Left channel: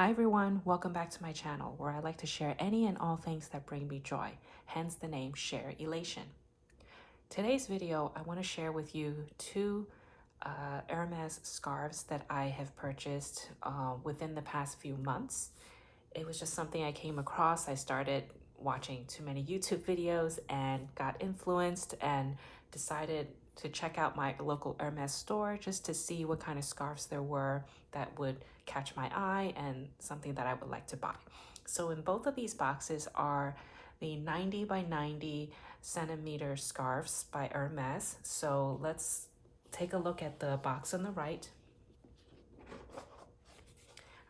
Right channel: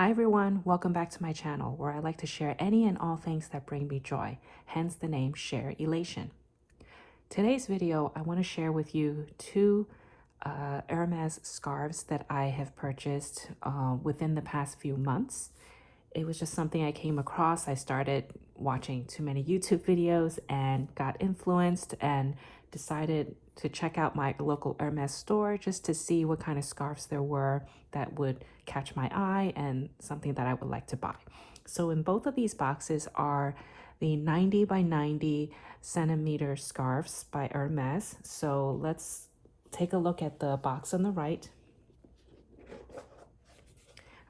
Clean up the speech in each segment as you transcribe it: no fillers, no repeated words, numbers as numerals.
Hi everyone, welcome back to my channel where I like to share any and all things that bring me joy, hence the name Share Elation. Today's video, I want to share with you two Hermes scarves that I have purchased within the past few months. It was just something I came across. I started watching too many YouTube videos and got influenced and decided to check out my local Hermes store just to see what kind of scarves there were that would catch my eye and something that I would like to buy. So in both of these boxes are the 90 by 90 centimeter scarves by Hermes. So let's take a look at the box on the right.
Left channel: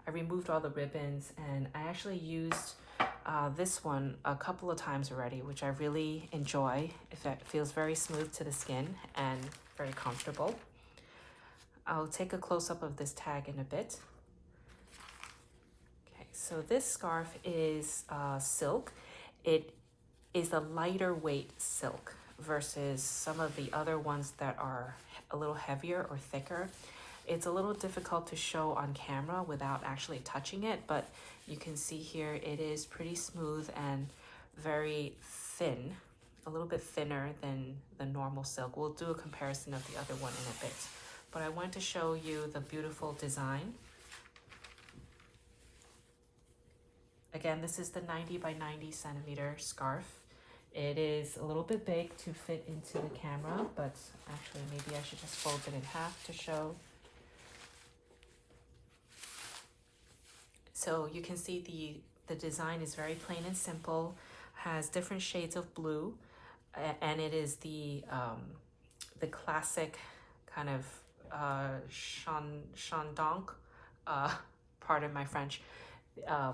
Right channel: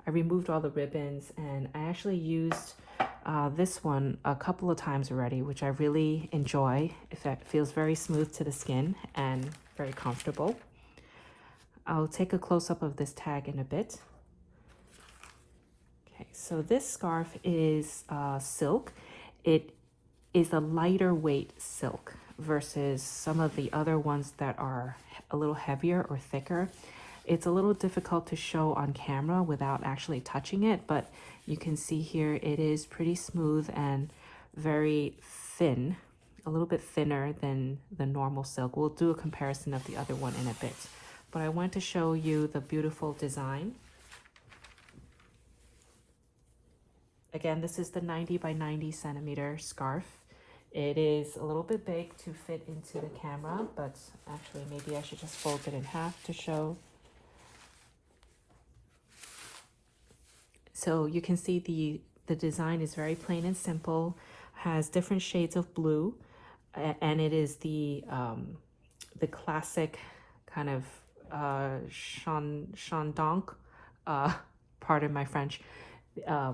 I removed all the ribbons and I actually used this one a couple of times already, which I really enjoy. It feels very smooth to the skin and very comfortable. I'll take a close-up of this tag in a bit. Okay, so this scarf is silk. It is a lighter weight silk versus some of the other ones that are a little heavier or thicker. It's a little difficult to show on camera without actually touching it, but you can see here it is pretty smooth and very thin, a little bit thinner than the normal silk. We'll do a comparison of the other one in a bit, but I want to show you the beautiful design. Again, this is the 90 by 90 centimeter scarf. It is a little bit big to fit into the camera, but actually maybe I should just fold it in half to show. So you can see the design is very plain and simple, has different shades of blue, and it is the classic kind of chandonk, pardon my French,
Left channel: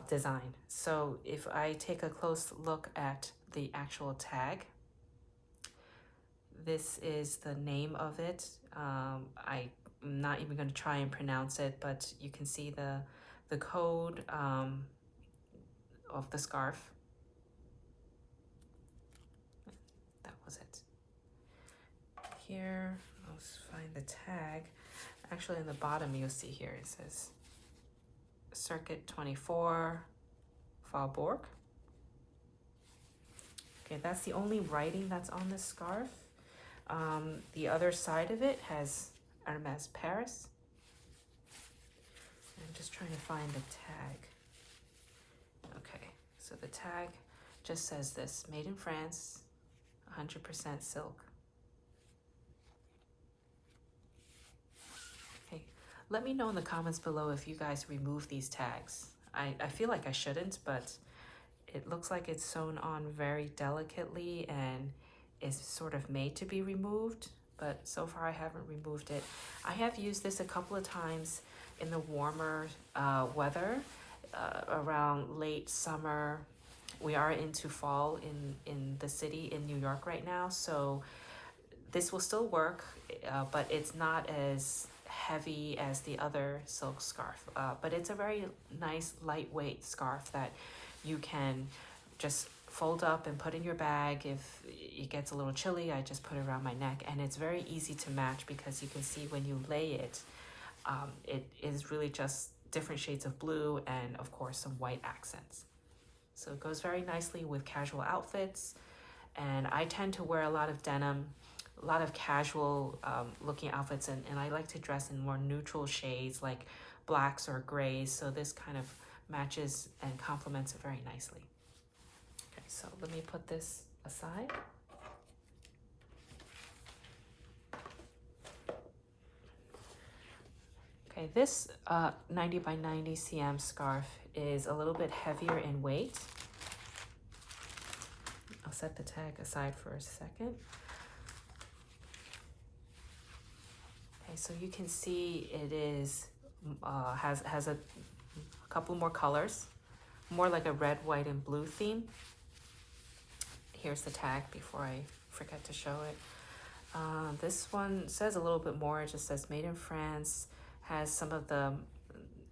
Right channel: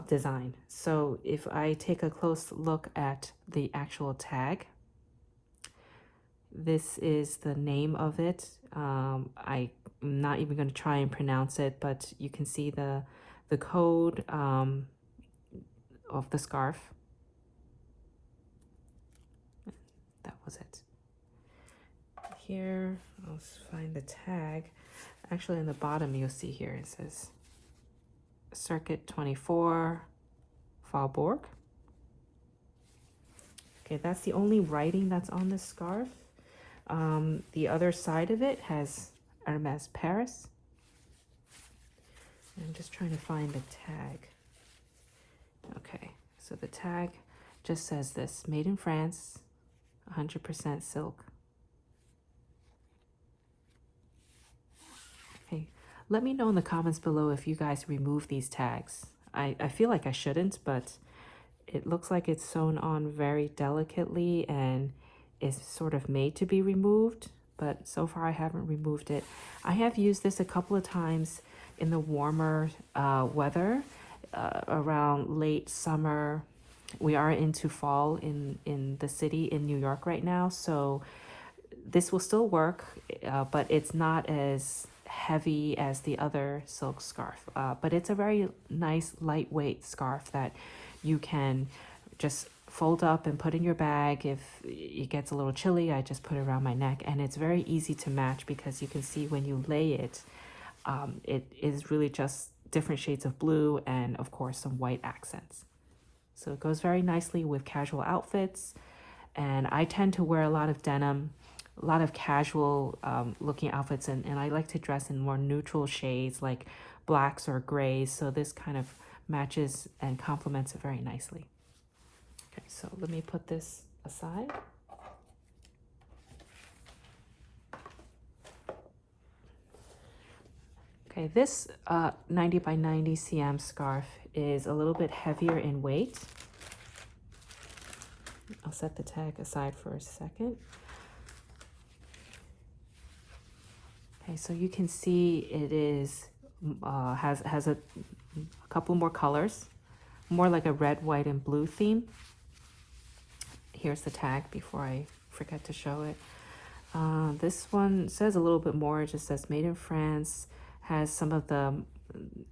design. So if I take a close look at the actual tag, this is the name of it. I'm not even going to try and pronounce it, but you can see the code of the scarf. That was it. Here, let's find the tag. Actually, in the bottom, you'll see here it says Circuit 24, Faubourg. Okay, that's the only writing that's on this scarf. The other side of it has Hermes Paris. I'm just trying to find the tag. Okay, so the tag just says this: made in France, 100% silk. Okay, let me know in the comments below if you guys remove these tags. I feel like I shouldn't, but it looks like it's sewn on very delicately and is sort of made to be removed, but so far I haven't removed it. I have used this a couple of times in the warmer weather, around late summer. We are into fall in the city in New York right now, so this will still work, but it's not as heavy as the other silk scarf. But it's a very nice lightweight scarf that you can just fold up and put in your bag. If it gets a little chilly, I just put it around my neck, and it's very easy to match because you can see when you lay it, it is really just different shades of blue and of course some white accents. So it goes very nicely with casual outfits, and I tend to wear a lot of denim, a lot of casual looking outfits, and I like to dress in more neutral shades like blacks or grays, so this kind of matches and complements it very nicely. Okay, so let me put this aside. Okay, this 90 by 90 cm scarf is a little bit heavier in weight. I'll set the tag aside for a second. Okay, so you can see it is has a couple more colors, more like a red, white, and blue theme. Here's the tag before I forget to show it. This one says a little bit more. It just says made in France. Has some of the,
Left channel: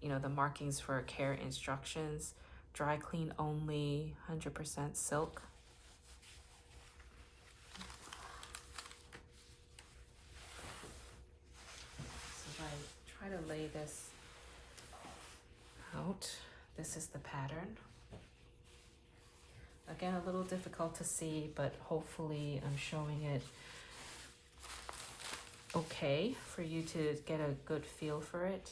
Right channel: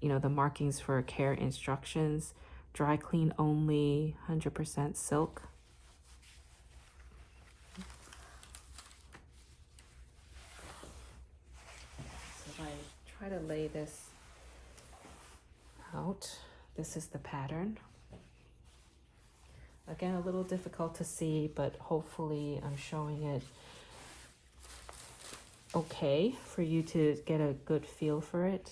the markings for care instructions. Dry clean only, 100% silk. So if I try to lay this out, This is the pattern. Again, a little difficult to see, but hopefully I'm showing it okay for you to get a good feel for it.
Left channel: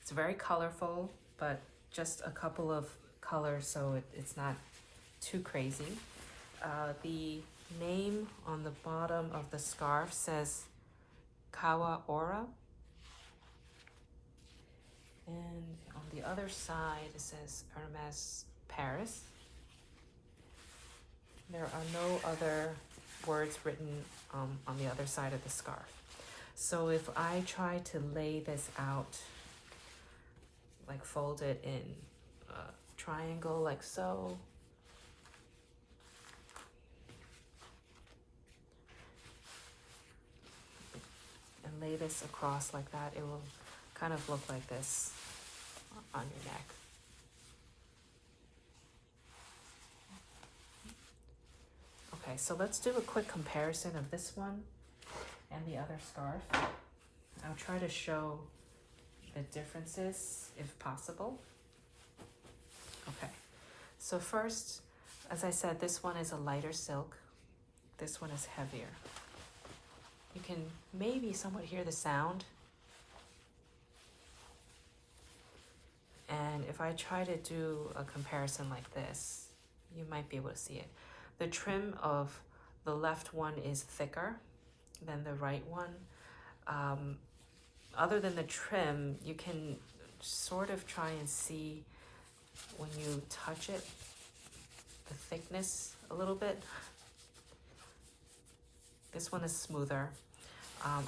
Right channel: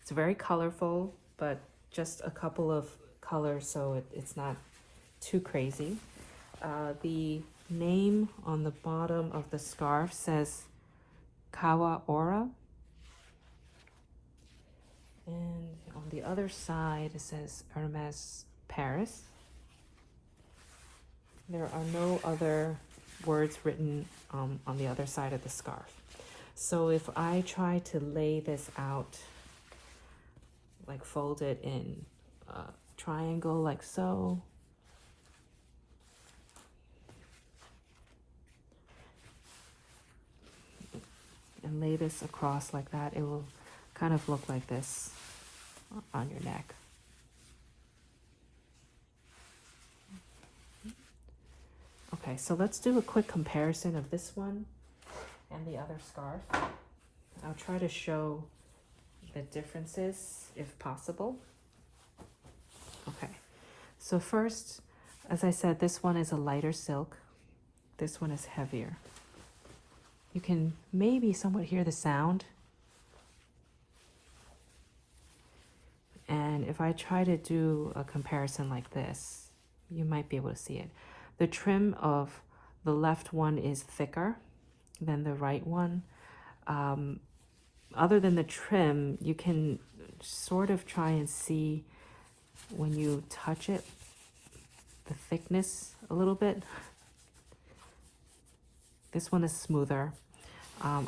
It's very colorful, but just a couple of colors, so it's not too crazy. The name on the bottom of the scarf says Kawa. And on the other side, it says Hermes Paris. There are no other words written on the other side of the scarf. So if I try to lay this out, like fold it in a triangle like so, and lay this across like that, it will kind of look like this on your neck. Okay, so let's do a quick comparison of this one and the other scarf. I'll try to show the differences if possible. Okay, so first, as I said, this one is a lighter silk. This one is heavier. You can maybe somewhat hear the sound. And if I try to do a comparison like this, you might be able to see it. The trim of the left one is thicker than the right one. Other than the trim, you can sort of try and see when you touch it, the thickness a little bit. This one is smoother.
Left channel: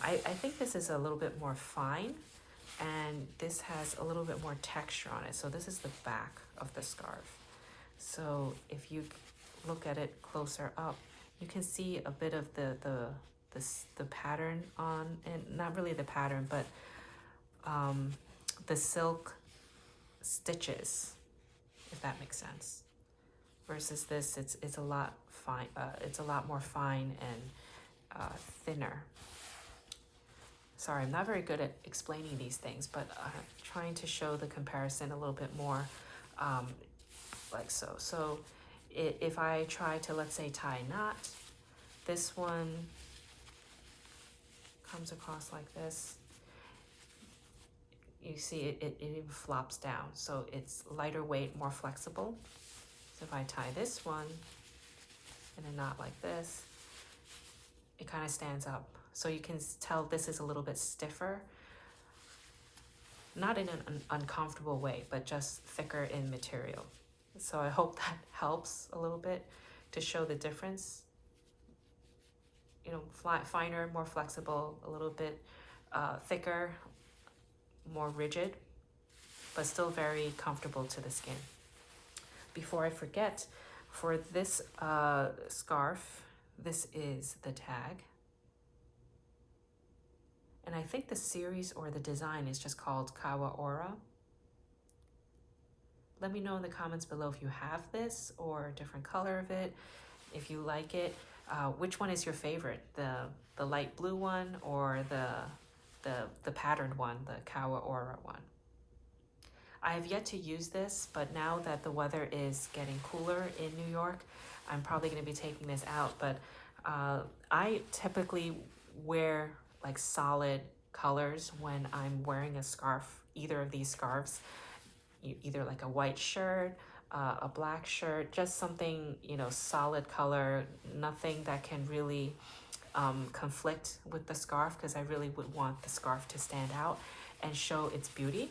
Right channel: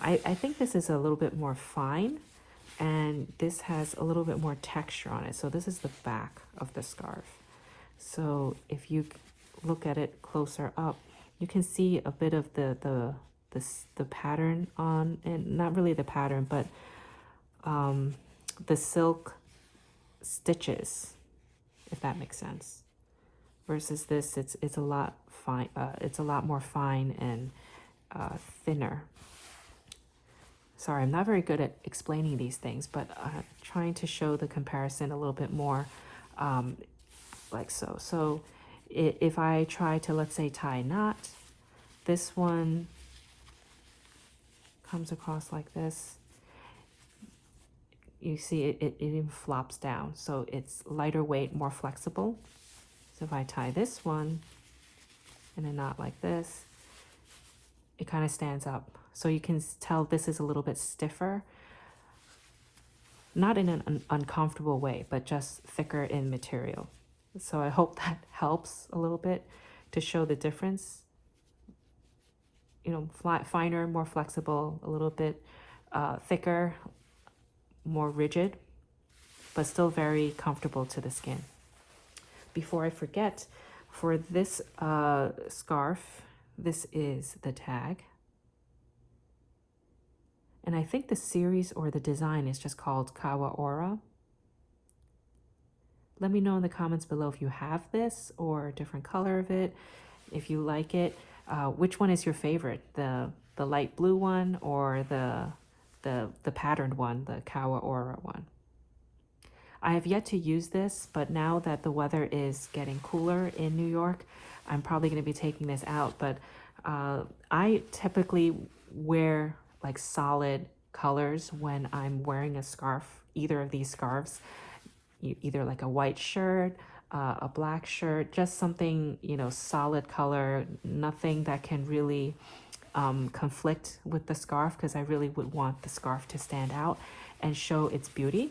I think this is a little bit more fine, and this has a little bit more texture on it. So this is the back of the scarf. So if you look at it closer up, you can see a bit of the pattern on, and not really the pattern, but the silk stitches, if that makes sense. Versus this, it's a lot fine. It's a lot more fine and thinner. Sorry, I'm not very good at explaining these things, but trying to show the comparison a little bit more, like so. So if I try to, let's say, tie a knot, this one comes across like this. You see it even flops down, so it's lighter weight, more flexible. So if I tie this one in a knot like this, it kind of stands up. So you can tell this is a little bit stiffer, not in an uncomfortable way, but just thicker in material. So I hope that helps a little bit to show the difference. You know, finer, more flexible, a little bit thicker, more rigid, but still very comfortable to the skin. Before I forget, for this scarf, this is the tag. And I think the series or the design is just called Kawa. Let me know in the comments below if you have this or a different color of it, if you like it. Which one is your favorite? The light blue one or the patterned one, the Kawa one? I have yet to use this, but now that the weather is getting cooler in New York, I'm probably going to be taking this out. But I typically wear like solid colors when I'm wearing a scarf, either of these scarves, either like a white shirt, a black shirt, just something, you know, solid color, nothing that can really conflict with the scarf, because I really would want the scarf to stand out and show its beauty.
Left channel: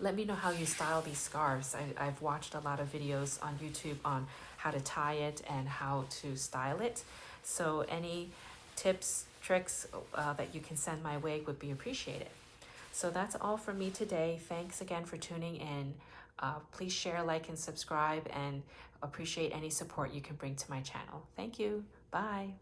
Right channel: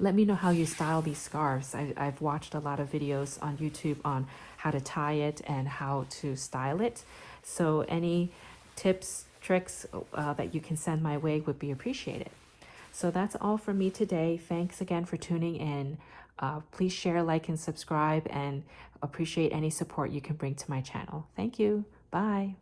Let me know how you style these scarves. I've watched a lot of videos on YouTube on how to tie it and how to style it. So any tips, tricks that you can send my way would be appreciated. So that's all from me today. Thanks again for tuning in. Please share, like, and subscribe, and appreciate any support you can bring to my channel. Thank you. Bye.